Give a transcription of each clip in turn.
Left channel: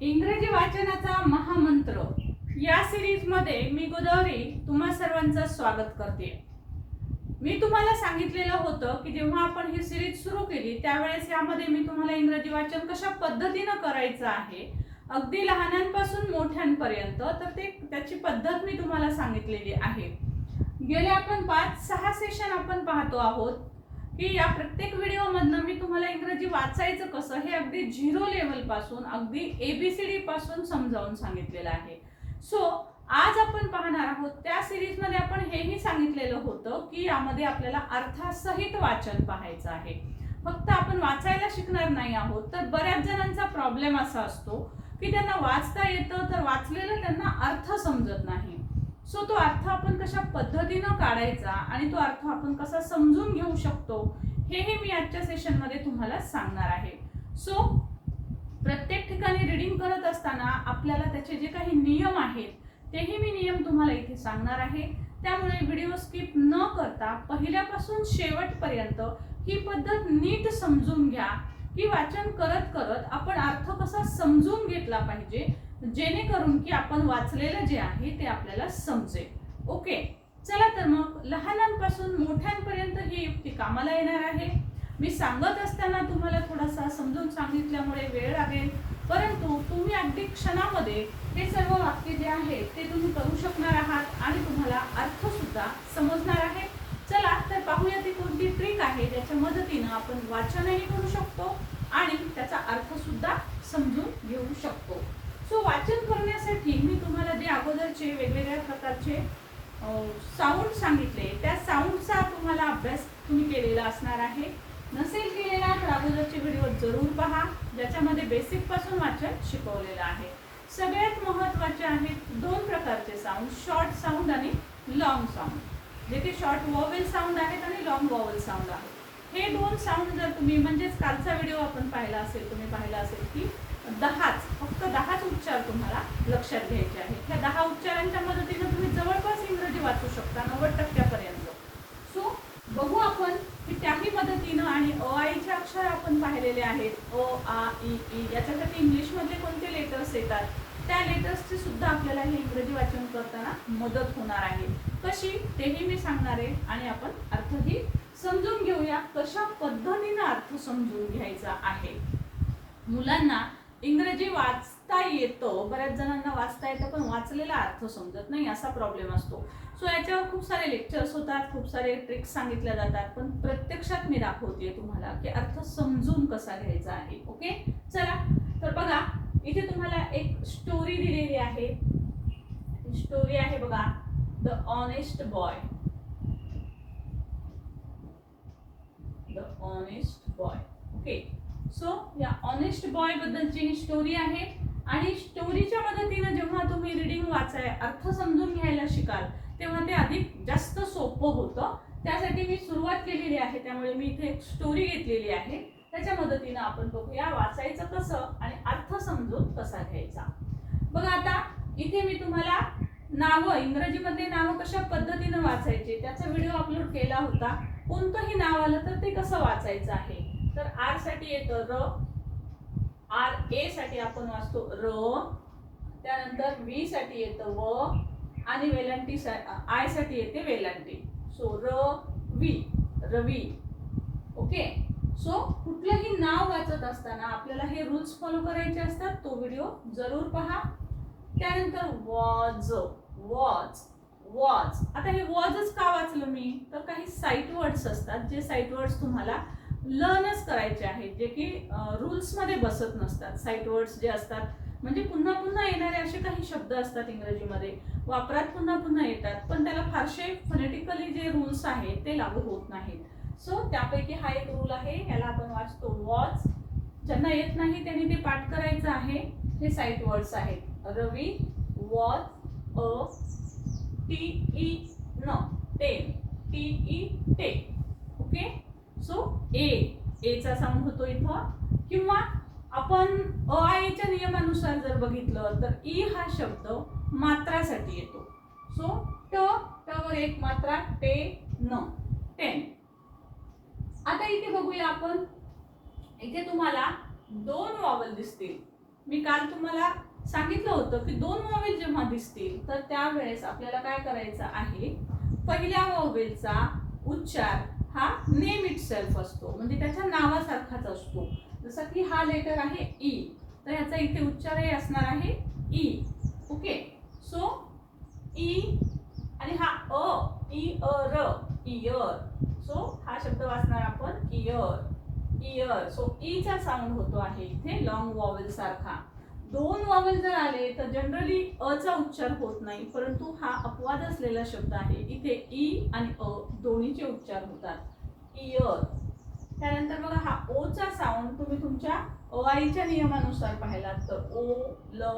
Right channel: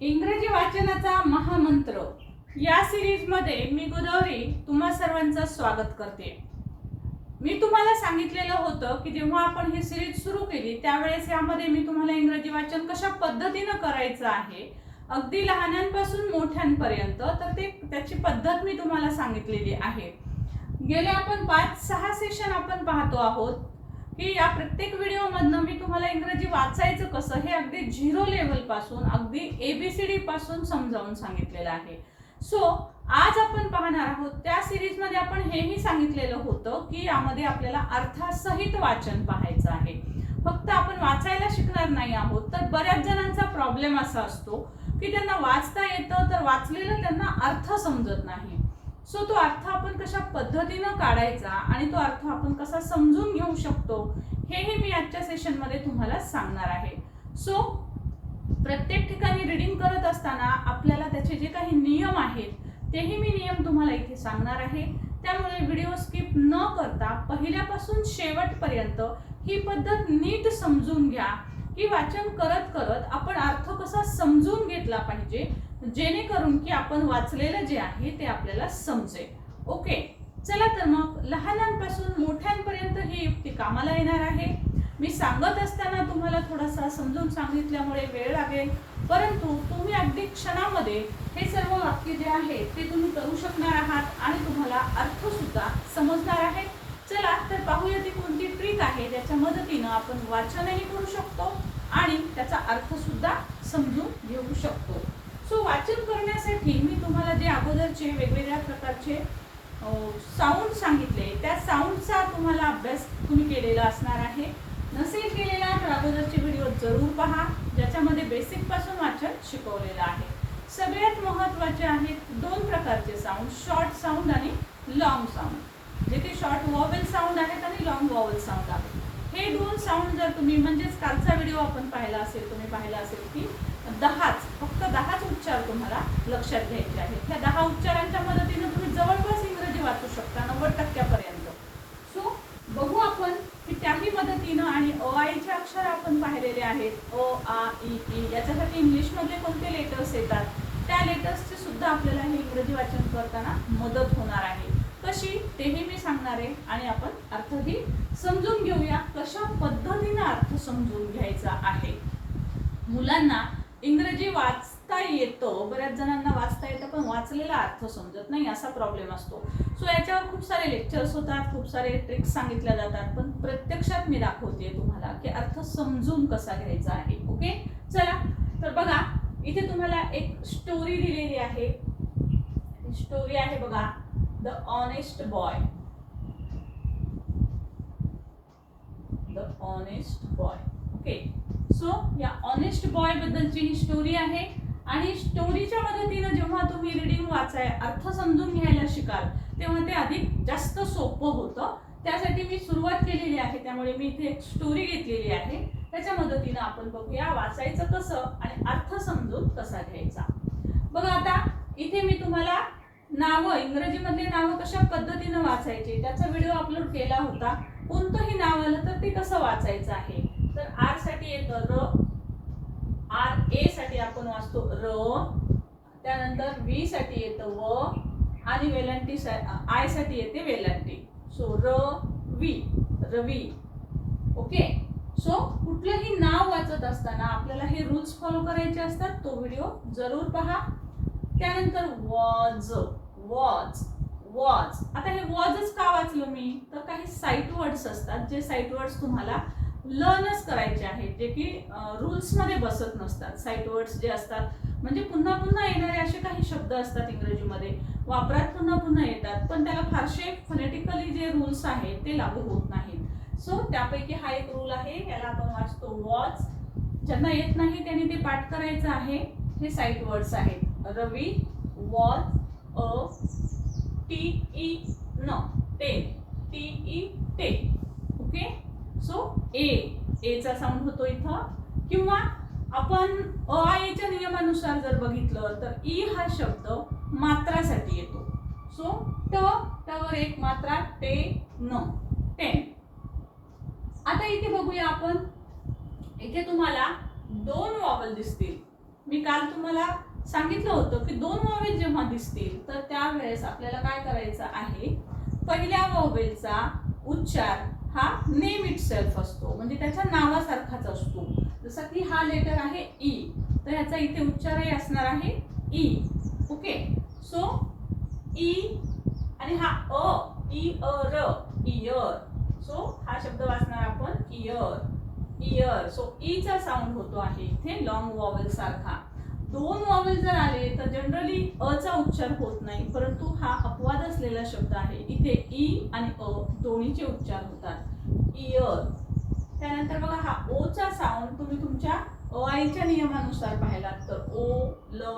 इंग्रजी वाचनाचा महामंत्र. या सिरीजमध्ये मी गोदावरी तुम्हा सर्वांचं स्वागत करते. मी तुम्हाला सांगितलेलं होतं की जेव्हा आपण ही सिरीज सुरू केली त्यावेळेस यामध्ये मी तुम्हाला इंग्रजी वाचन कशा पद्धतीनं करायचं आहे अगदी लहानांपासून मोठ्यांपर्यंत तर ते त्याची पद्धत मी तुम्हाला सांगितलेली आहे. गेले आपण पाच सहा सेशन आपण पाहतो आहोत. की या प्रत्येक व्हिडिओमधनं मी तुम्हाला इंग्रजी वाचायचं कसं हे अगदी झिरो लेवलपासून अगदी ए बी सी पासून समजावून सांगितलेलं आहे. सो आज आपण पाहणार आहोत त्या सिरीजमध्ये आपण हेही सांगितलेलं होतं की यामध्ये आपल्याला अर्थासहित वाचन पाहायचं आहे. फक्त आपण वाचायला शिकणार नाही आहोत तर बऱ्याच जणांचा प्रॉब्लेम असा असतो की त्यांना वाचता येतं तर वाचलेलं त्यांना अर्थ समजत नाही. सो तो अर्थ आपण कशा पद्धतीनं काढायचा आणि तो अर्थ आपण कसा समजून घेऊ शकतो हेही मी आजच्या सेशनमध्ये तुम्हाला सांगणार आहे. सो प्रत्येक ठिकाणी रिडिंग करत असताना आपल्याला त्याचे जे काही नियम आहेत तेही मी नियम तुम्हाला इथे सांगणार आहे. त्यामुळे व्हिडिओ स्किप न करता पहिल्यापासून शेवटपर्यंत ही पद्धत नीट समजून घ्या की वाचन करत करत आपण अर्थ कसा समजून घेतला पाहिजे जेणेकरून की आपण वाचलेलं जे आहे ते आपल्याला समजेल. ओके? चला तर मग लहानांपासून मोठ्यांपर्यंत ही युक्ती कामाला येणार आहे. मी सांगत असताना तुम्हाला थोडासा समजून सांगितल्यामुळे वेळ लागेल. परंतु तुम्ही अगदी क्षणामध्ये हे सर्व वाक्य जे आहे ते तुम्ही करू शकणार आहात आणि तुम्हाला अर्थ सुद्धा समजणार आहे. चला तर पाहूया ती कोणती ट्रिक आहे ज्याच्या मदतीनं आपण वाचनही करू शकतो आणि त्याचा अर्थ सुद्धा समजून घेऊ शकतो. सो वाचन करण्यासाठी मी तुम्हाला जे अगोदरचे वेगवेगळ्या प्रकारचे साऊंड सांगितले त्या साऊंडचा तुम्हाला अभ्यास तुम्ही केलेला असणार आहे. नसेल केलेला तर अगोदरचे व्हिडिओ जरूर पहा ज्याच्यामध्ये बेसिकपासून वाचन शिकवलेलं आहे. सगळ्यात महत्त्वाचे आहेत दोन प्रकारचे साऊंड शॉर्ट साऊंड आणि लॉंग साऊंड जे ते शॉर्ट वॉवेल साऊंड आहेत आणि लॉंग वॉवेल साऊंड आहेत. हे दोन साऊंड जर तुम्ही म्हणजेच कालचा व्हिडिओ आपण पाहिला असेल तुम्ही पाहिला असेल की दहाच फक्त दहाच उच्चार तुम्हाला लक्षात घ्यायचे आहेत. ह्या दहा उच्चारांच्या मदतीनं तुम्ही जवळपास इंग्रजी वाचू शकता नव्वद टक्क्यापर्यंत. सो बघू आपण की त्याही मदतीनं आणि अ आईचे अक्षर आपण पाहिलेले आहेत. अ आ इ ई याच्यासाठी इंग्लिशमधले कोणते लेटर्स येतात? त्या लेटर्सचे सुद्धा आपल्याला हे इंग्रजी वाचन करताना मदत होणार आहे. कशी? तेही मी सांगणार आहे आणि आपण अर्थही समजून घेऊया कशा पद्धतीनं अर्थ समजून घ्यायचा आहे. मुलांना इंग्रजी वाचता येतं. बऱ्याच जणांना वाचता येतं पण वाचलेला अर्थ समजत नाही असा प्रॉब्लेम असतो. सो याच्यावर खूप सारे लेक्चर्स होतात खूप सारे ट्रिक्स सांगितल्या जातात पण प्रत्यक्षात मी दाखवते तुम्हाला की अर्थ समजून कसा घ्यायचा आहे ओके चला तर बघा इथे तुम्हाला एक स्टोरी दिलेली आहे. स्टोरी आहे बघा the honest boy the honest boy okay so या ऑनेस्ट बॉय बद्दलची ही स्टोरी आहे. आणि स्टोरीच्या मदतीनं जेव्हा तुम्ही रिडिंग वाचाय अर्थ समजून घ्यायला शिकाल तेव्हा ते अधिक जास्त सोपं होतं. त्यासाठी मी सुरुवात केलेली आहे. त्यामुळे मी इथे एक स्टोरी घेतलेली आहे. त्याच्या मदतीनं आपण बघूया वाचायचं कसं आणि अर्थ समजून कसा घ्यायचा. बघा आता इथे मी तुम्हाला नावं इंग्रजीमध्ये नावं कशा पद्धतीनं वाचायचे त्याचा व्हिडिओ अपलोड केला होता. कोणतंही नाव आलं तर ते कसं वाचायचं आहे? तर आरसाठी येतं र. आर ए साठी आपण वाचतो र. त्यानंतर व्ही साठी येतं व. आणि वेलांटी आयसाठी येते वेलांटी. सो र वी रवी. ओके सो कुठलंही नाव वाचत असताना आपल्याला हे रूल्स फॉलो करायचे असतात. तो व्हिडिओ जरूर पहा. त्यानंतर वॉज वॉज वॉज आता हे वॉजच का वाचलं मी? तर काही साईट वर्ड्स असतात. जे साईट वर्ड्स तुम्हाला लर्नच करायचे आहेत जे की रूल्समध्ये बसत नसतात. साईट वर्ड्स जे असतात म्हणजे पुन्हा पुन्हा येणारे असे काही शब्द असतात इंग्रजीमध्ये. वापरात पुन्हा पुन्हा येतात पण त्याला फारसे फनेटिकली जे रूल्स आहेत ते लागू होत नाहीत. सो त्यापैकी हा एक रूल आहे याला आपण वाचतो वॉच ज्यांना येत नाही त्यांनी ते पाठ करायचं आहे. हे साईट वर्ड्स आहेत. Ravi was a T E N ten T E टे ओके? सो ए एचा साऊंड होतो इथं. किंवा आपण अ आयच्या नियमानुसार जर बघितलं तर ई हा शब्द मात्रासाठी येतो. सो ट टवर एक मात्रा टे न टेन आता इथे बघूया आपण. इथे तुम्हाला दोन वॉवल दिसतील. मी काल तुम्हाला सांगितलं होतं की दोन वॉवेल जेव्हा दिसतील तर त्यावेळेस आपल्याला काय करायचं आहे? पहिल्या वॉवेलचा उच्चार हा नेम इट सेल्फ असतो. म्हणजे त्याच्या नावासारखाच असतो. जसं की हा लेटर आहे ई तर ह्याचा इथे उच्चारही असणार आहे ई ओके सो ई आणि हा अ ई अ र इयर सो हा शब्द वाचणार आपण इयर इयर सो ईचा साऊंड होतो आहे इथे लॉंग वॉवेल सारखा. दोन वॉवल जर आले तर जनरली अ चा उच्चार होत नाही. परंतु हा अपवाद असलेला शब्द आहे. इथे ई आणि अ दोन्हीचे उच्चार होतात. इयर त्यानंतर बघा हा ओचा साऊंड तुम्ही तुमच्या अ आईच्या नियमानुसार पाहिलात तर ओ ल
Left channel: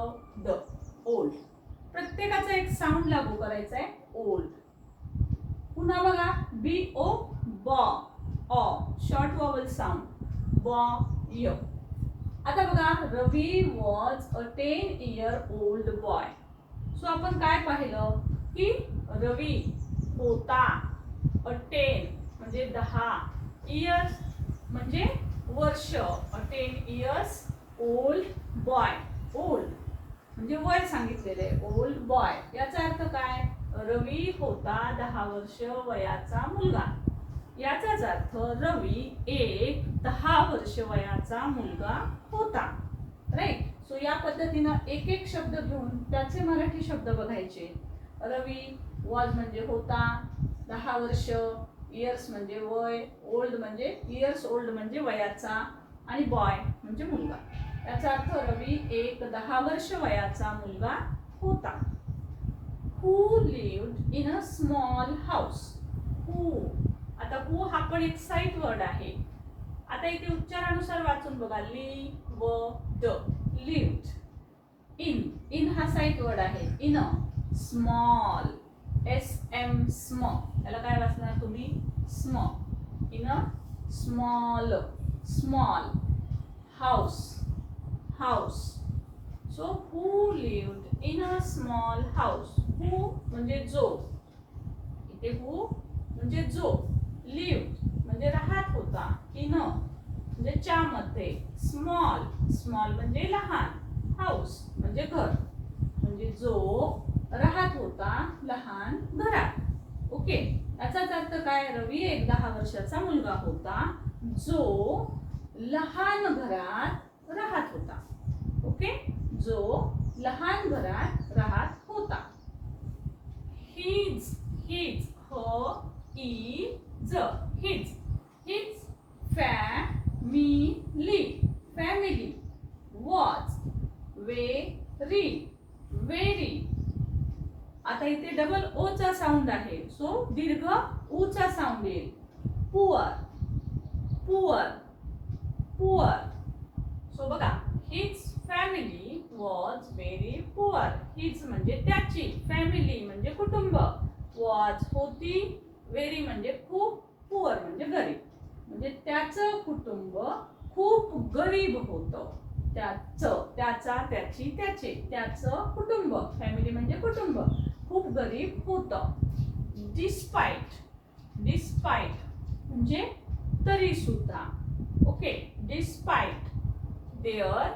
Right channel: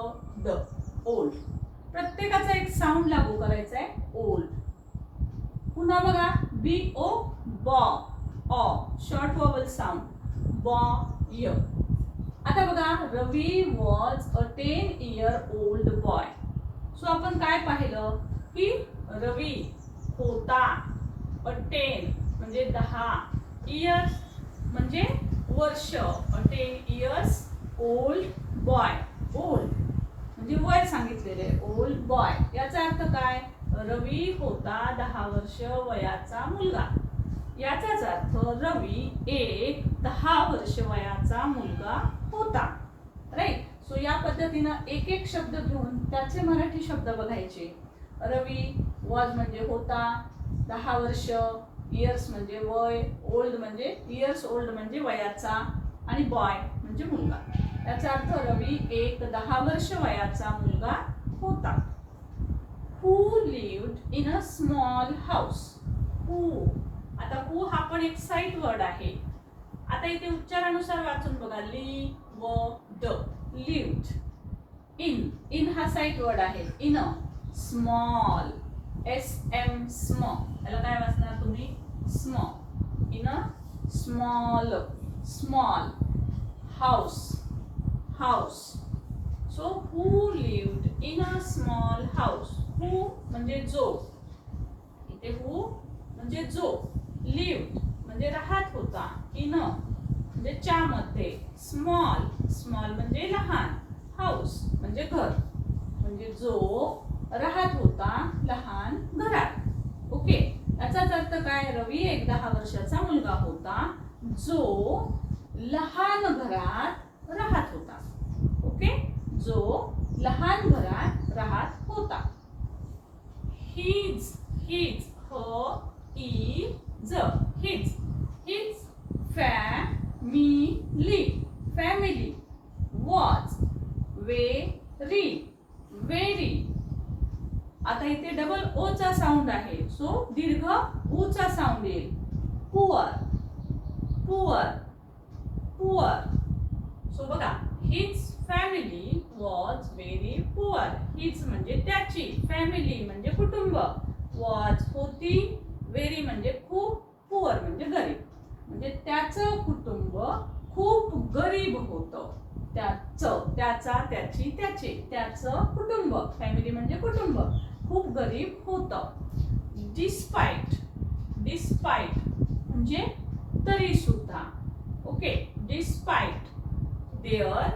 द ओल्ड. प्रत्येकाचा एक साऊंड लागू करायचा आहे ओल्ड. पुन्हा बघा बी ओ बॉ ऑ शॉर्ट वॉवल साऊंड बॉ य. आता बघा Ravi was a ten year old boy so आपण काय पाहिलं? की रवी होता अ टेन म्हणजे दहा इयर्स म्हणजे वर्ष a ten years old boy old म्हणजे वय सांगितलेले ओल्ड बॉय याचा अर्थ काय? रवी होता दहा वर्ष वयाचा मुलगा. याचाच अर्थ रवी एक दहा वर्ष वयाचा मुलगा होता. राईट सो या पद्धतीनं एक एक शब्द घेऊन त्याचे मराठी शब्द बघायचे. रवी वॉज म्हणजे होता दहा वर्ष इयर्स म्हणजे वय ओल्ड म्हणजे इयर्स ओल्ड म्हणजे वयाचा आणि बॉय म्हणजे मुलगा. याचा अर्थ रवी एक दहा वर्ष वयाचा मुलगा होता. Who lived in a small house who आता हू हा पण एक साईट वर्ड आहे. आता इथे उच्चारानुसार वाचून बघा. ली व ड लिव्ड. इन इन हा साईट वर्ड आहे. In a small. S M स्म. त्याला काय वाचणार तुम्ही? स्म. In a small. Small. House. House. So who lived in a small house? Who म्हणजे जो. इथे हू म्हणजे जो. लिव्ड म्हणजे राहत होता इन म्हणजे च्यामध्ये स्मॉल स्मॉल म्हणजे लहान हाऊस म्हणजे घर म्हणजे जो राहत होता लहान घरात. ओके? याचाच अर्थ काय? रवी एक दहा वर्षाचा मुलगा होता जो लहान घरात राहत होता. ओके? जो लहान घरात राहत होता. हिज हिज ह ज his his family family was very very आता इथे डबल ओ चा साऊंड आहे. सो दीर्घ उ चा साऊंड येईल. पुअर पुअर पुअर सो बघा his family was very poor his म्हणजे त्याची फॅमिली म्हणजे कुटुंब. वॉज होती व्हेरी म्हणजे खूप पुअर म्हणजे गरीब. म्हणजे त्याचं कुटुंब खूप गरीब होतं. त्याचं त्याचा त्याची त्याचे त्याचं कुटुंब फॅमिली म्हणजे कुटुंब खूप गरीब होतं. डिस्पाईट डिस्पाईट म्हणजे तरी सुद्धा okay despite their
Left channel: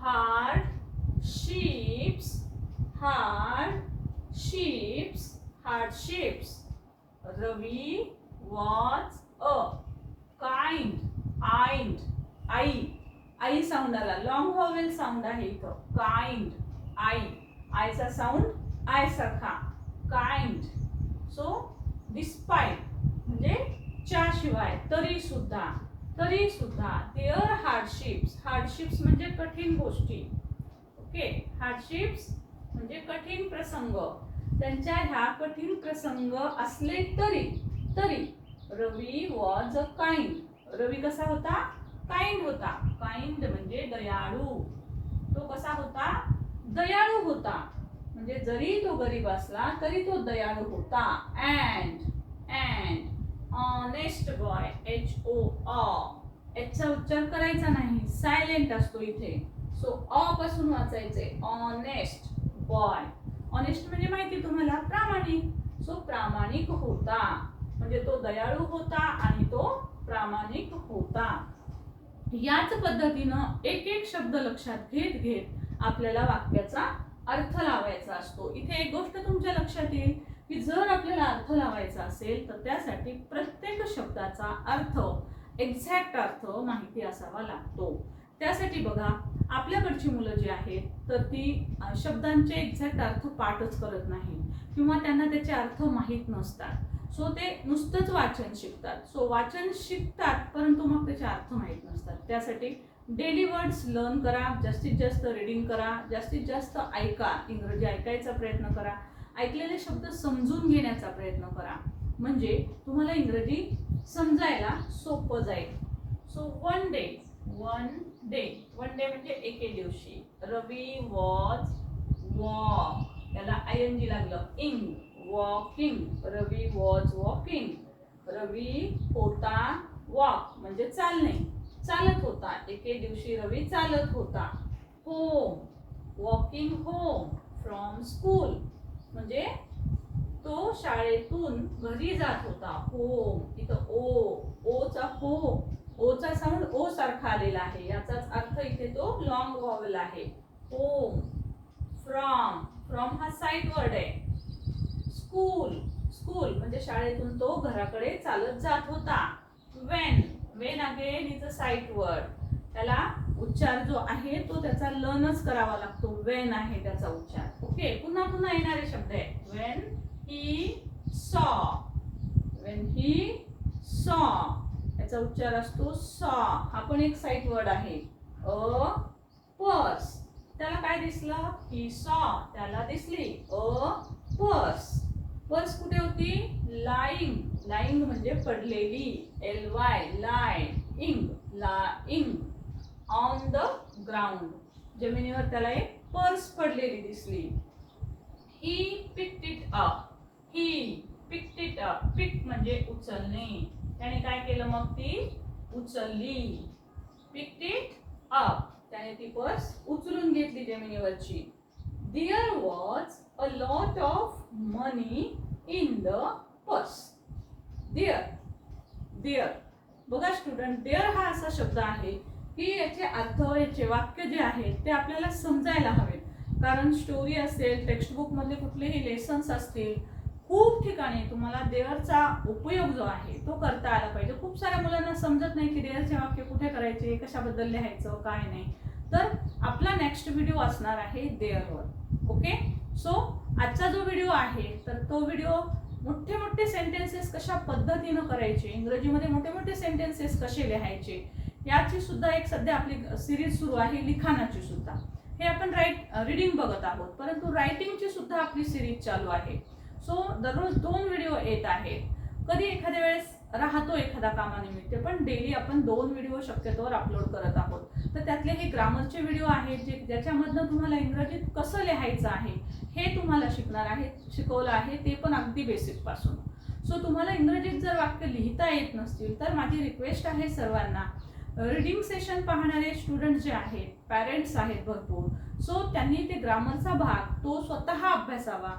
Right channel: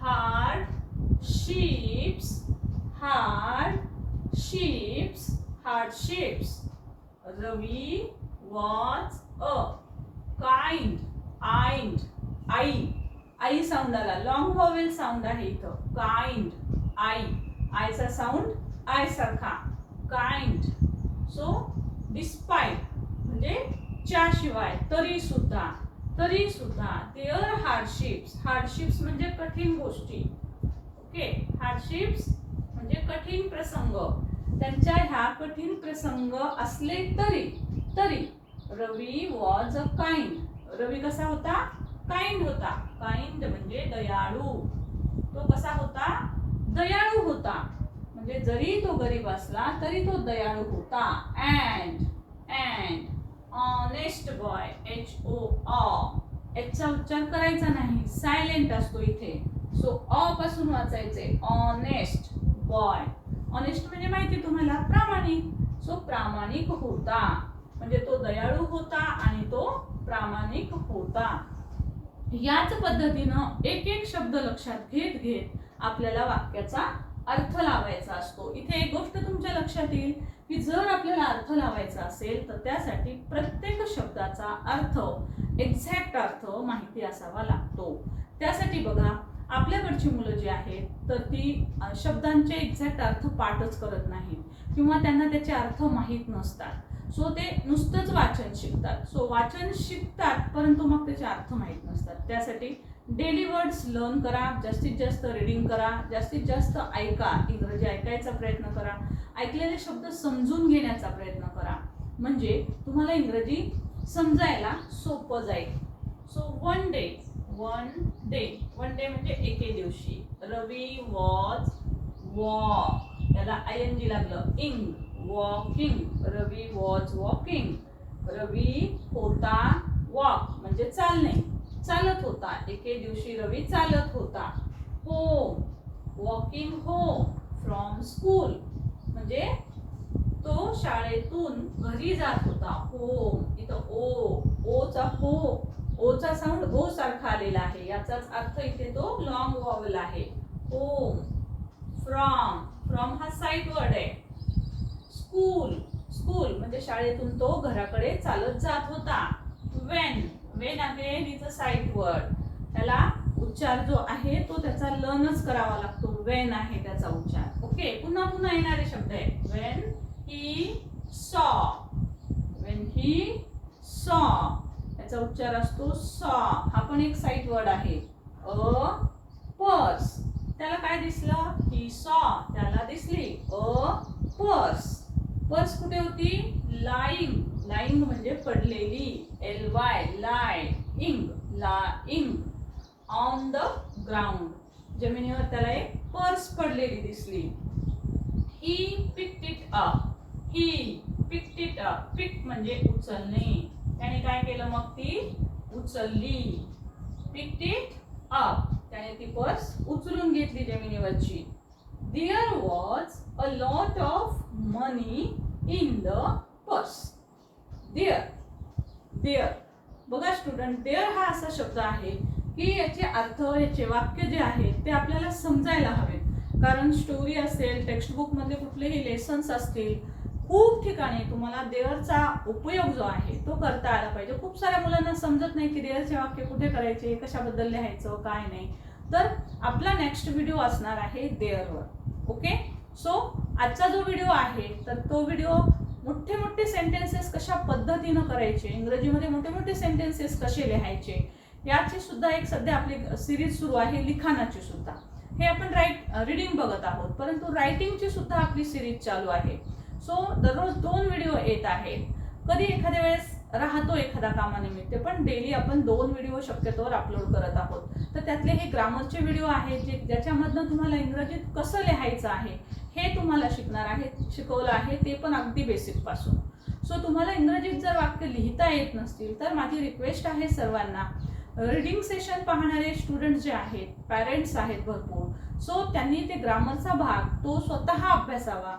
hardships hardships hardships Ravi was a kind आइंड I. I sound आला. लॉंग व्हॉवेल साऊंड आहे इथं. Kind I. आयचा साऊंड आय सारखा. काइंड. सो डिस्पाईट म्हणजे च्याशिवाय तरी सुद्धा तरी सुद्धा देअर हार्डशिप्स हार्डशिप्स म्हणजे कठीण गोष्टी. ओके हार्डशिप्स म्हणजे कठीण प्रसंग. त्यांच्या ह्या कठीण प्रसंग असले तरी तरी रवी वॉज अ काइंड रवी कसा होता? काइंड होता. काइंड म्हणजे दयाळू. तो कसा होता? दयाळू होता. म्हणजे जरी तो गरीब असला तरी तो दयाळू होता. And and honest boy H O ऑ एचचा उच्चार करायचा नाही. सायलेंट असतो इथे. सो ऑ पासून वाचायचे. ऑनेस्ट बॉय ऑनेस्ट म्हणजे माहिती तुम्हाला? प्रामाणिक. सो प्रामाणिक होता. म्हणजे तो दयाळू होता आणि तो प्रामाणिक होता. याच पद्धतीनं एक एक शब्द लक्षात घेत घेत आपल्याला वाक्याचा अर्थ लावायचा असतो. इथे एक गोष्ट तुमच्या लक्षात येईल की जर आपल्याला अर्थ लावायचा असेल तर त्यासाठी प्रत्येक शब्दाचा अर्थ एक्झॅक्ट अर्थ माहिती असावा लागतो. त्यासाठी बघा आपल्याकडची मुलं जी आहेत तर ती शब्दांचे एक्झॅक्ट अर्थ पाठच करत नाही किंवा त्यांना त्याचे अर्थ माहीत नसतात. सो ते नुसतंच वाचन शिकतात. सो वाचन शिकतात परंतु मग त्याचे अर्थ माहीत नसतात. त्यासाठी डेली वर्ड्स लर्न करा जास्तीत जास्त रीडिंग करा जास्तीत जास्त ऐका इंग्रजी ऐकायचा प्रयत्न करा ऐकलेले शब्द समजून घेण्याचा प्रयत्न करा. म्हणजे तुम्हाला इंग्रजी समजायला सोपं जाईल. So one day one day one day म्हणजे एके दिवशी. रवी वॉज वॉक याला आय एन जी लागलं. इंग walking Ravi was walking Ravi होता वॉक म्हणजे चालणे. चालत होता. एके दिवशी रवी चालत होता. Home walking home from school म्हणजे तो शाळेतून घरी जात होता. होम इथं ओ ओचा हो ओचा साऊंड ओ सारखा आलेला आहे. याचाच अर्थ इथे तो लॉंग वॉवल आहे. होम फ्रॉम फ्रॉम हा साईड वर्ड आहे. स्कूल स्कूल म्हणजे शाळेतून तो घराकडे चालत जात होता. When when again is a sight word त्याला उच्चार जो आहे तो त्याचा लर्नच करावा लागतो. वेन आहे त्याचा उच्चार. ओके पुन्हा पुन्हा येणारे शब्द आहे when he saw when he saw याचा उच्चार असतो सॉ. हा पण एक साईट वर्ड आहे. A purse. त्याला काय दिसलं? He saw. त्याला दिसली. A purse. पर्स कुठे होती? लाईंग. लाईंग म्हणजे पडलेली. एल वाय लाय इंग ला इंग ऑन द ग्राउंड जमिनीवर त्याला एक पर्स पडलेली दिसली. He picked it up he picked it up pick म्हणजे उचलणे. त्याने काय केलं मग ती उचलली. पिक्ट इट अप त्याने ती पर्स उचलून घेतली जमिनीवरची. There was a lot of money in the purse there there बघा स्टुडंट देअर हा असा शब्द आहे की याचे अर्थ याचे वाक्य जे आहे ते आपल्याला समजायला हवे. कारण स्टोरी असेल टेक्स्टबुकमध्ये कुठलेही लेसन्स असतील खूप ठिकाणी तुम्हाला देअरचा उपयोग जो आहे तो करता आला पाहिजे. खूप साऱ्या मुलांना समजत नाही की देअरचे वाक्य कुठे करायचे कशाबद्दल लिहायचं काय नाही. तर आपला नेक्स्ट व्हिडिओ असणार आहे देअरवर. ओके सो आजचा जो व्हिडिओ आहे तर तो व्हिडिओ मोठे मोठे सेंटेन्सेस कशा पद्धतीनं करायचे इंग्रजीमध्ये मोठे मोठे सेंटेन्सेस कसे लिहायचे याची सुद्धा एक सध्या आपली सिरीज सुरू आहे लिखाणाची सुद्धा. हे आपण राईट रिडिंग बघत आहोत. परंतु रायटिंगची सुद्धा आपली सिरीज चालू आहे. सो दररोज दोन व्हिडिओ येत आहेत. कधी एखाद्या वेळेस राहतो एखादा कामानिमित्त पण डेली आपण दोन व्हिडिओ शक्यतोवर अपलोड करत आहोत. तर त्यातले हे ग्रामरचे व्हिडिओ आहेत जे ज्याच्यामधनं तुम्हाला इंग्रजीत कसं लिहायचं आहे हे तुम्हाला शिकणार आहे शिकवलं आहे ते पण अगदी बेसिकपासून सो तुम्हाला इंग्रजीत जर वाक्य लिहिता येत नसतील तर माझी रिक्वेस्ट आहे सर्वांना रीडिंग सेशन पाहणारे स्टुडंट जे आहेत पॅरेंट्स आहेत भरपूर. सो त्यांनी ते ग्रामरचा भाग तो स्वतः अभ्यासावा.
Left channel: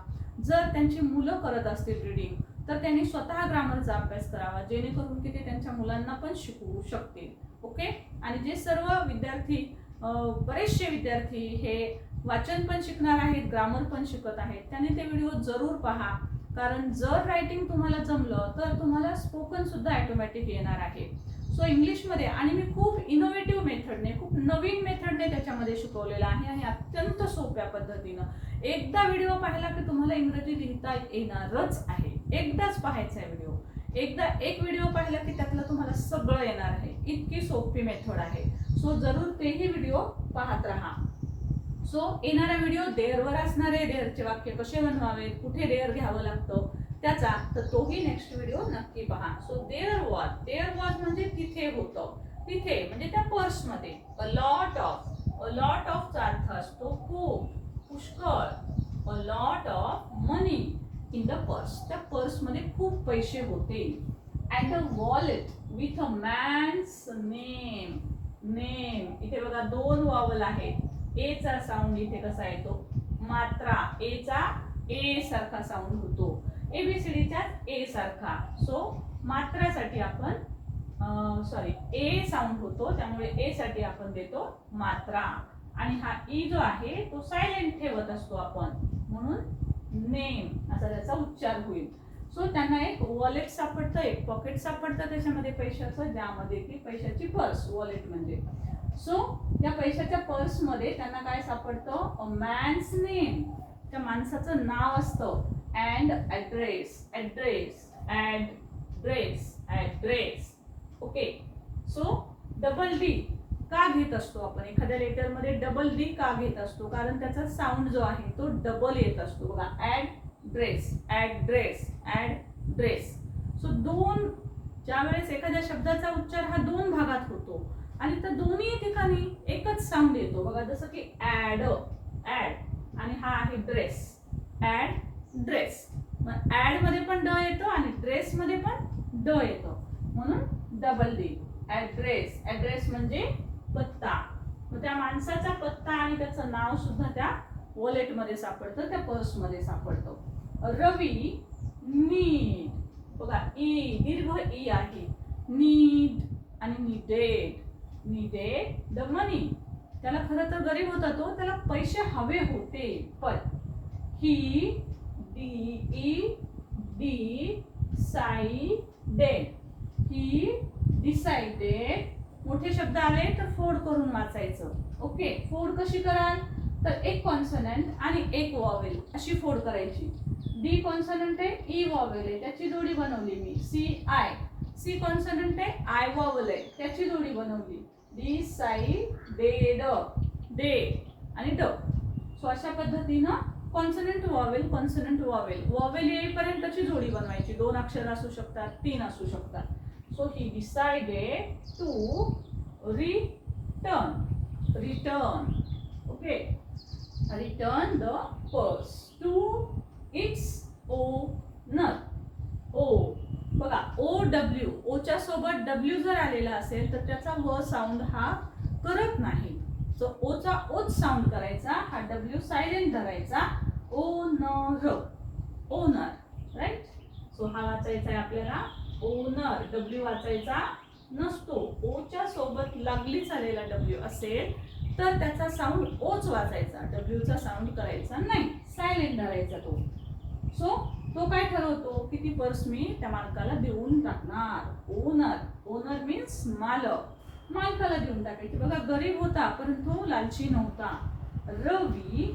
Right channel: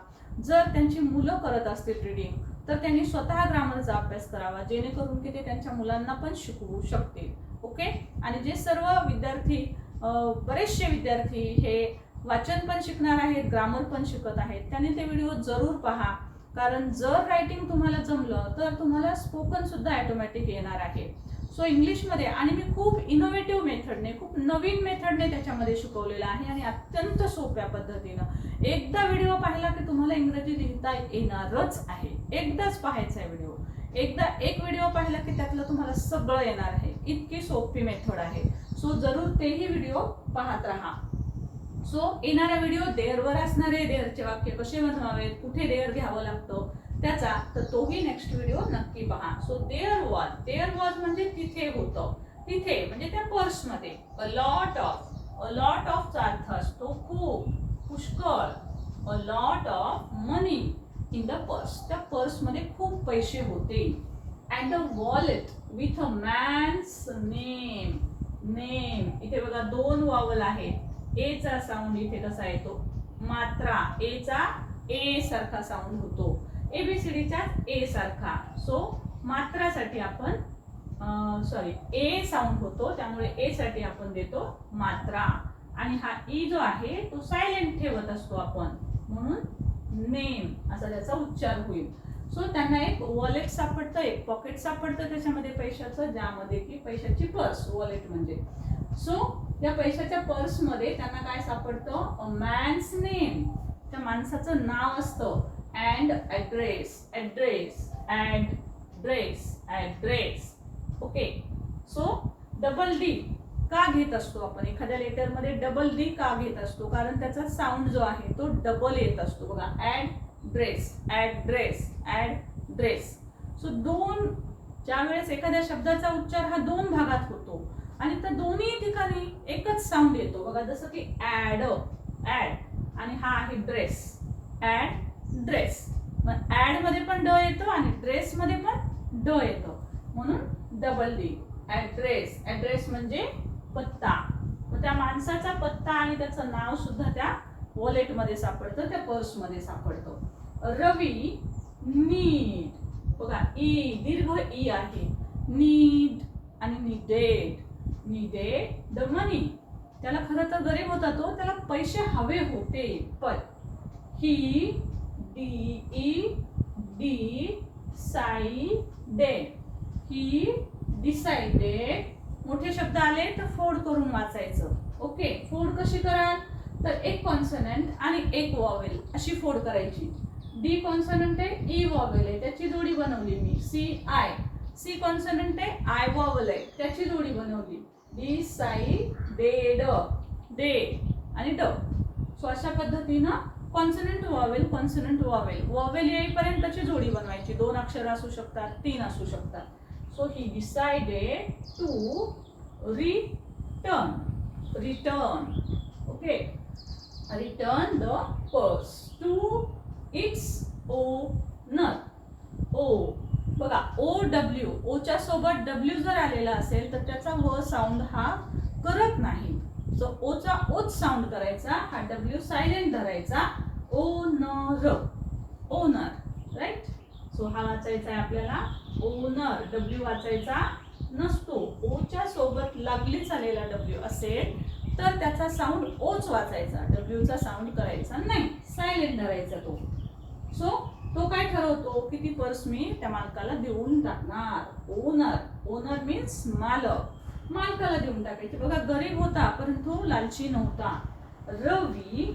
जर त्यांची मुलं करत असतील रीडिंग तर त्यांनी स्वतः ग्रामरचा अभ्यास करावा जेणेकरून की ते त्यांच्या मुलांना पण शिकवू शकतील. ओके आणि जे सर्व विद्यार्थी बरेचसे विद्यार्थी हे वाचन पण शिकणार आहेत ग्रामर पण शिकत आहेत त्यांनी ते व्हिडिओ जरूर पहा. कारण जर रायटिंग तुम्हाला जमलं तर तुम्हाला स्पोकन सुद्धा ॲटोमॅटिक येणार आहे. सो इंग्लिशमध्ये आणि मी खूप इनोव्हेटिव्ह मेथडने खूप नवीन मेथडने त्याच्यामध्ये शिकवलेलं आहे आणि अत्यंत सोप्या पद्धतीनं. एकदा व्हिडिओ पाहिला की तुम्हाला इंग्रजी लिहिता येणारच आहे. एकदाच पाहायचा आहे व्हिडिओ एकदा एक व्हिडिओ पाहिला की त्यातलं तुम्हाला सगळं येणार आहे. इतकी सोपी मेथड आहे. सो जरूर तेही व्हिडिओ पाहत राहा. सो येणारा व्हिडिओ देअरवर असणारे देअरचे वाक्य कसे बनवावेत? कुठे देअर घ्यावं लागतं? त्याचा तर तोही नेक्स्ट व्हिडिओ नक्की पहा. So there was there was म्हणजे तिथे होतं. तिथे म्हणजे त्या पर्समध्ये a lot of a lot ऑफचा अर्थ असतो खूप पुष्कळ. A lot of money in the purse त्या पर्समध्ये खूप पैसे होते. And a wallet with a man's name name इथे बघा दोन वावल आहेत. एचा साऊंड इथे कसा येतो? मात्रा. एचा ए सारखा साऊंड होतो. एबीसीडीचा ए सारखा. सो मात्रासाठी आपण सॉरी ए साऊंड होतो त्यामुळे ए साठी आपण देतो मात्रा. आणि हा ई जो आहे तो सायलेंट ठेवत असतो आपण. म्हणून नेम असा त्याचा उच्चार होईल. सो त्यांना एक वॉलेट सापडतं एक पॉकेट सापडतं त्याच्यामध्ये पैशाचं ज्यामध्ये की पैशाची पर्स वॉलेट म्हणजे. सो या पैशाच्या पर्समध्ये त्यांना काय सापडतं? मॅन्स नेम त्या माणसाचं नाव असतं. And address address dress address. Okay so double D का घेत असतो आपण? एखाद्या लेटरमध्ये डबल डी का घेत असतो? कारण त्याचा साऊंड जो आहे तो डबल येत असतो. बघा add dress add dress add dress so दोन ज्या वेळेस एखाद्या शब्दाचा उच्चार हा दोन भागात होतो आणि त्या दोन्ही ठिकाणी एकच साऊंड येतो. बघा जसं की ॲड ॲड आणि हा आहे ड्रेस ॲड ड्रेस. मग ॲड मध्ये पण ड येतो आणि ड्रेस मध्ये पण ड येतो. म्हणून डबल डी ॲड्रेस ॲड्रेस म्हणजे पत्ता. मग त्या माणसाचा पत्ता आणि त्याचं नाव सुद्धा त्या वॉलेटमध्ये सापडतं त्या पर्समध्ये सापडतं. रवी नीड बघा ई दीर्घ ई आहे. नीड आणि निडेड निडेड द मनी त्याला खरं तर गरीब होता तो त्याला पैसे हवे होते. पण he E D Sai day he decided मोठे शब्द आले तर फोड करून वाचायचं. ओके फोड कशी कराल? तर एक कॉन्सनंट आणि एक वॉवेल अशी फोड करायची. डी कॉन्सनंट आहे e ई वॉवेल आहे. त्याची जोडी बनवली मी. सी आय सी कॉन्सनंट आहे आय वॉवेल आहे. त्याची जोडी बनवली. डी साई डे ड डे आणि ड. सो अशा पद्धतीनं consonant vowel consonant vowel vowel येईपर्यंतची जोडी बनवायची. दोन अक्षर असू शकतात तीन असू शकतात. So he decided to return return okay return the purse to its owner O बघा ओ डब्ल्यू ओच्या सोबत डब्ल्यू जर आलेला असेल तर त्याचा व साऊंड हा करत नाही. सो ओचा ओच साऊंड करायचा हा डब्ल्यू सायलेंट धरायचा. ओनर ओनर राईट सो हा वाचायचा आहे आपल्याला. ओनर डब्ल्यू वाचायचा नसतो. ओच्या सोबत लागलीच आलेला डब्ल्यू असेल तर त्याचा साऊंड ओच वाचायचा. डब्ल्यूचा साऊंड करायचा नाही. सायलेंट धरायचा तो. सो तो काय ठरवतो? किती पर्स मी त्या मालकाला देऊन टाकणार. ओनर ओनर मीन्स मालक. मालकाला देऊन टाकायची. बघा गरीब होता परंतु लालची नव्हता. रवी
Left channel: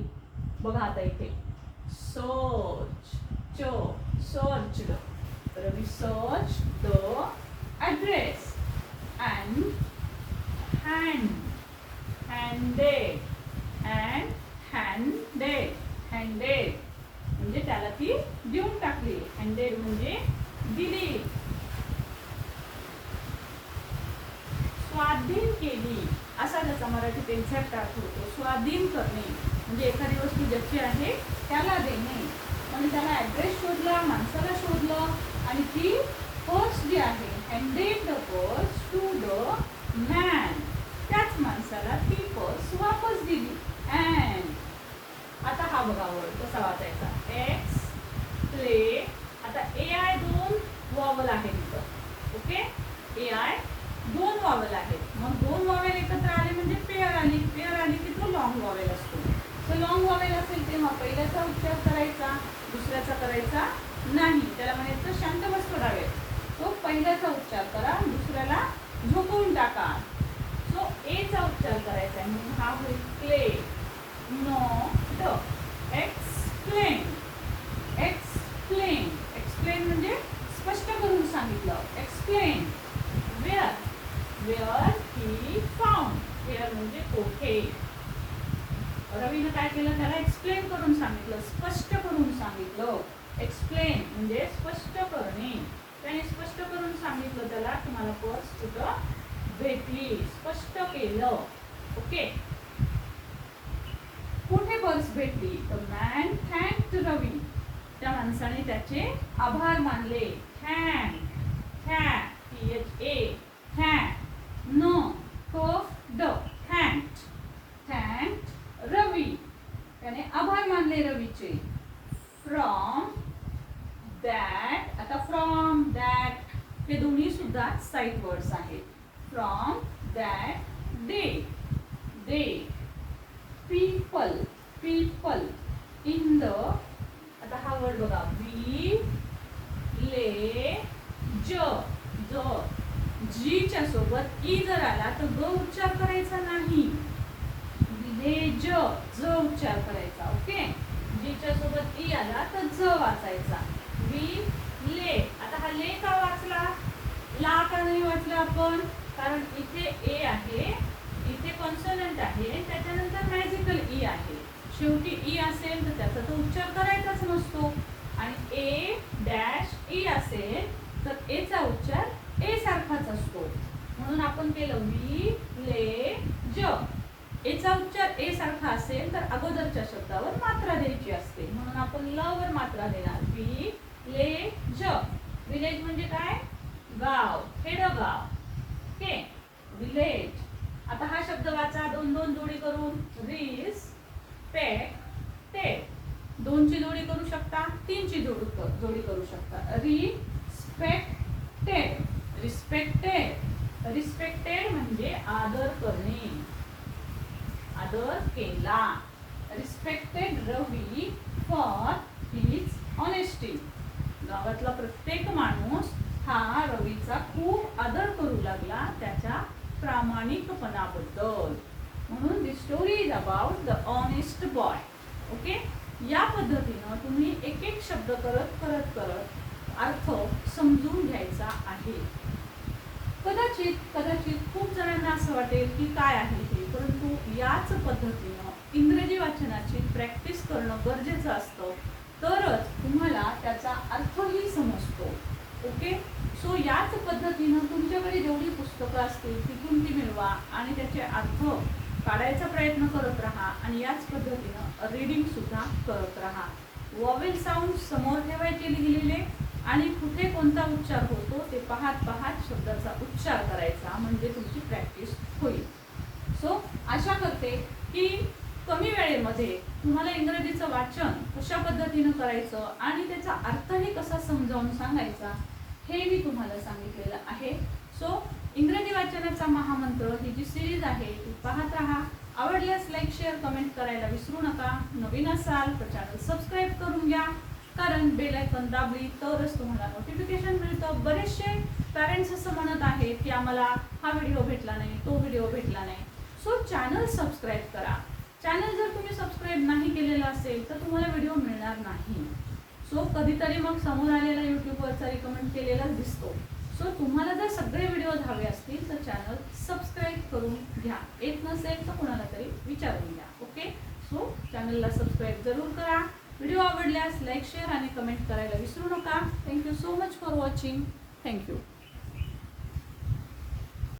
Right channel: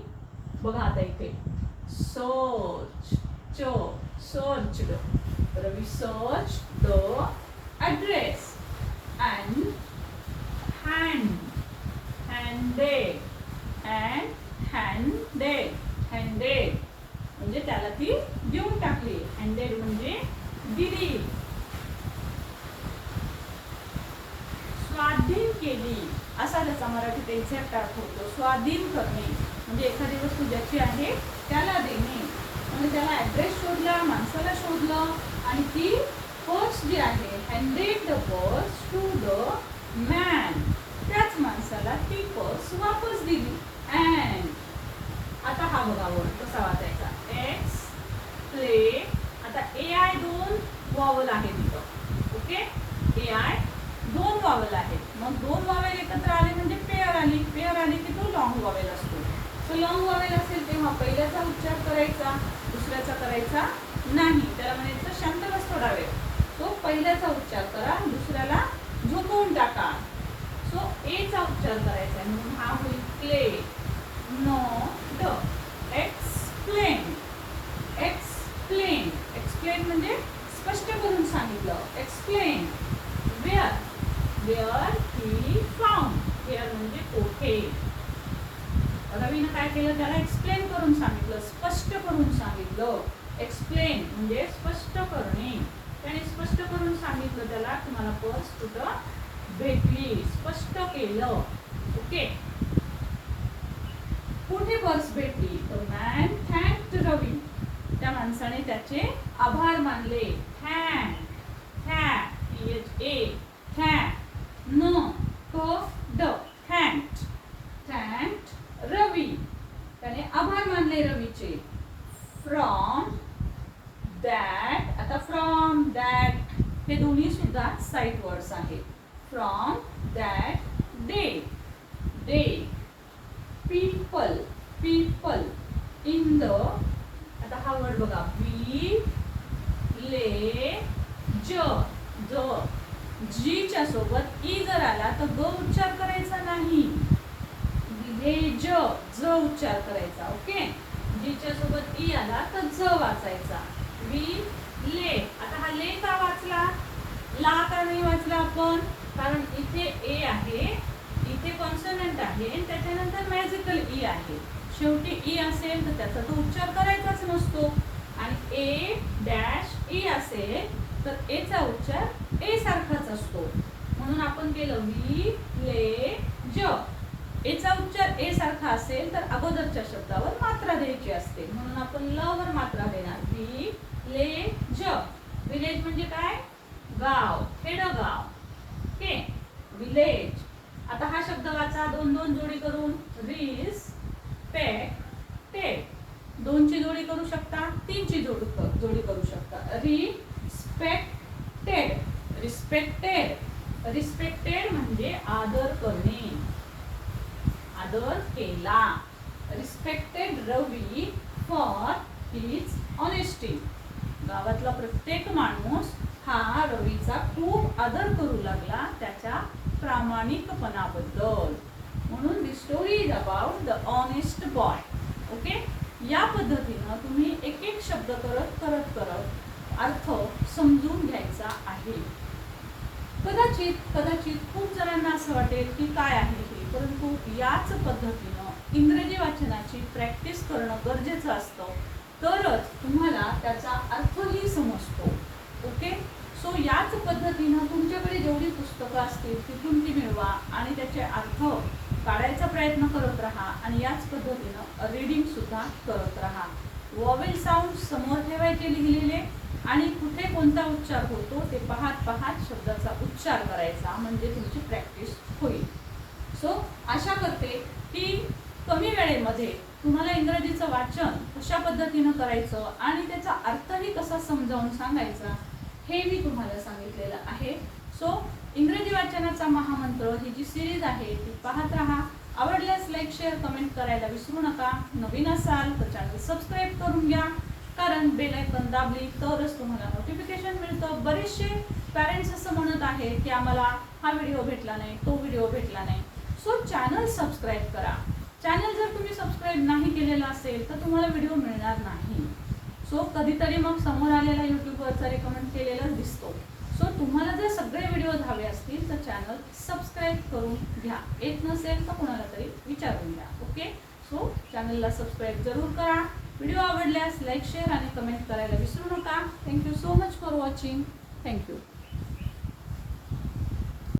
बघा आता इथे. सर्च च search Ravi search the address and hand handed and handed handed म्हणजे त्याला ती देऊन टाकली. हँडेड म्हणजे दिली स्वाधीन केली असा त्याचा मराठीत एक्झॅक्ट अर्थ होतो स्वाधीन करणे. म्हणजे एखादी वस्तू ज्याची आहे त्याला देणे. म्हणजे त्याला ऍड्रेस शोधला माणसाला शोधलं आणि ती पर्स जी आहे handed the purse to the man त्याच माणसाला ती पर्स वापस दिली. अँड आता हा बघा वर्ड कसा वाचायचा? एक्स प्ले आता ए आय दोन वॉवल आहेत इथं ओके ए आय वॉवेल आहेत. मग दोन वॉवेल एकत्र आले म्हणजे पेअर आली. पेअर आली की तो लॉंग वॉवेल असतो. तो लॉंग वॉवेल असेल तेव्हा पहिल्याचा उच्चार करायचा दुसऱ्याचा करायचा नाही. त्याला म्हणायचं शांत बस थोडा वेळ तो पहिल्याचा उच्चार करा दुसऱ्याला झोपवून टाका. सो एचा उच्चार करायचा आहे. म्हणून हा होईल क्ले नो ड एक्सप्लेन एक्सप्लेन एक्सप्लेन म्हणजे स्पष्ट करून सांगितलं. Explain where he found where म्हणजे कोठे रवीनं काय केलं? त्याला एक्सप्लेन करून सांगितलं स्पष्ट करून सांगितलं. एक्सप्लेन म्हणजे स्पष्ट करणे. त्याने स्पष्ट करून सांगितलं त्याला तुम्हाला पर्स कुठं भेटली. स्पष्ट केलं. ओके. कुठे पर्स भेटली? तर मॅन थँक रवी त्या माणसाने त्याचे आभार मानले. Thank thank H A thank न कफ ड थँक्ड थँक्ड रवी त्याने आभार मानले रवीचे फ्रॉम दॅट आता फ्रॉम दॅट हे दोन्ही सुद्धा सुद्धा साईट वर्ड्स आहेत from that day day people people in the आता हा वर्ड बघा वी ले ज ज जीच्या सोबत ई जर आला तर ग उच्चार करायचा नाही विलेज ज वाचायचा ओके? जीच्या सोबत ई आला तर ज वाचायचा. वि ले. आता हा ले का वाचला? ला का नाही वाचला आपण? कारण इथे ए आहे इथे कॉन्सनंट आहे त्याच्यानंतर मॅजिकल ई e आहे. शेवटी ई असेल तर त्याचा तो उच्चार करायचाच नसतो. आणि ए डॅश ई असेल तर एचा उच्चार ए सारखाच असतो. म्हणून आपण केलं वी ले ज. एचा उच्चार ए सारखा असेल तर अगोदरच्या शब्दावर मात्रा द्यायची असते. म्हणून आपण ल वर मात्रा देणार. वी ले ज. विलेज म्हणजे काय? गाव. खेडगाव. ओके? विलेज आता हा शब्द वाचा. दोन दोन जोडी करून. रिस पेक टेक दोनची जोडी करू शकता. तीनची जोडी जोडी करू शकता. री रिस्पेक्टेड रिस्पेक्टेड म्हणजे आदर करणे आदर केला respected Ravi for his honesty गावातला प्रत्येक माणूस हा रवीचा खूप आदर करू लागला त्याच्या प्रामाणिकपणाबद्दल म्हणून the story is about the honest boy okay या पद्धतीनं तुम्ही एक एक शब्द करत अर्थ समजून घ्यायचा आहे. कदाचित कदाचित खूप जणांना असं वाटेल की काय आहे हे परंतु याच पद्धतीनं इंग्रजी वाचनाची प्रॅक्टिस करणं गरजेचं असतं. तरच तुम्हाला त्याचा अर्थही समजतो. ओके सो याच पद्धतीनं तुमच्याकडे जेवढी पुस्तकं असतील तिथून ती मिळवा आणि त्याचे अर्थ काढायचा प्रयत्न करत राहा आणि याच पद्धतीनं रीडिंग सुद्धा करत राहा. वॉवेल साऊंड समोर ठेवायचे लिहिलेले आणि कुठे कोणता उच्चार होतो ते पाहत पाहत शब्दाचा उच्चार करायचा म्हणजे तुमची प्रॅक्टिस होईल. सो आशा करते की कमी वेळेमध्ये तुम्हाला इंग्रजीचं वाचन कशा पद्धतीनं करायचं आणि त्याचा अर्थही कसा समजावून सांगायचा हे मी तुम्हाला सांगितलेलं आहे. सो इंग्रजी वाचनाचा महामंत्र ही जी सिरीज आहे ती पाहत राहा. आवडल्यास लाईक शेअर कमेंट करायला विसरू नका. नवीन असाल तर चॅनल सबस्क्राईब करून घ्या. कारण बेल आयकन दाबली तरच तुम्हाला नोटिफिकेशन मिळतं. बरेचसे पॅरेंट्स असं म्हणत आहेत की आम्हाला हा व्हिडिओ भेटला नाही तो व्हिडिओ भेटला नाही. सो चॅनल सबस्क्राईब करा. चॅनल जर तुम्ही सबस्क्राईब नाही केलेला असेल तर तुम्हाला व्हिडिओ मिळणार नाही. सो कधीतरी मग समोर आलेला यूट्यूबवरचा रिकमेंड केलेलाच दिसतो. सो तुम्हाला जर सगळे व्हिडिओज हवे असतील तर चॅनल सबस्क्राईब करून घ्या. येत नसेल तर कोणाला तरी विचारून घ्या ओके सो चॅनलला सबस्क्राईब जरूर करा. व्हिडिओ आवडल्यास लाईक शेअर आणि कमेंट करायला विसरू नका. Thank you so much for watching thank you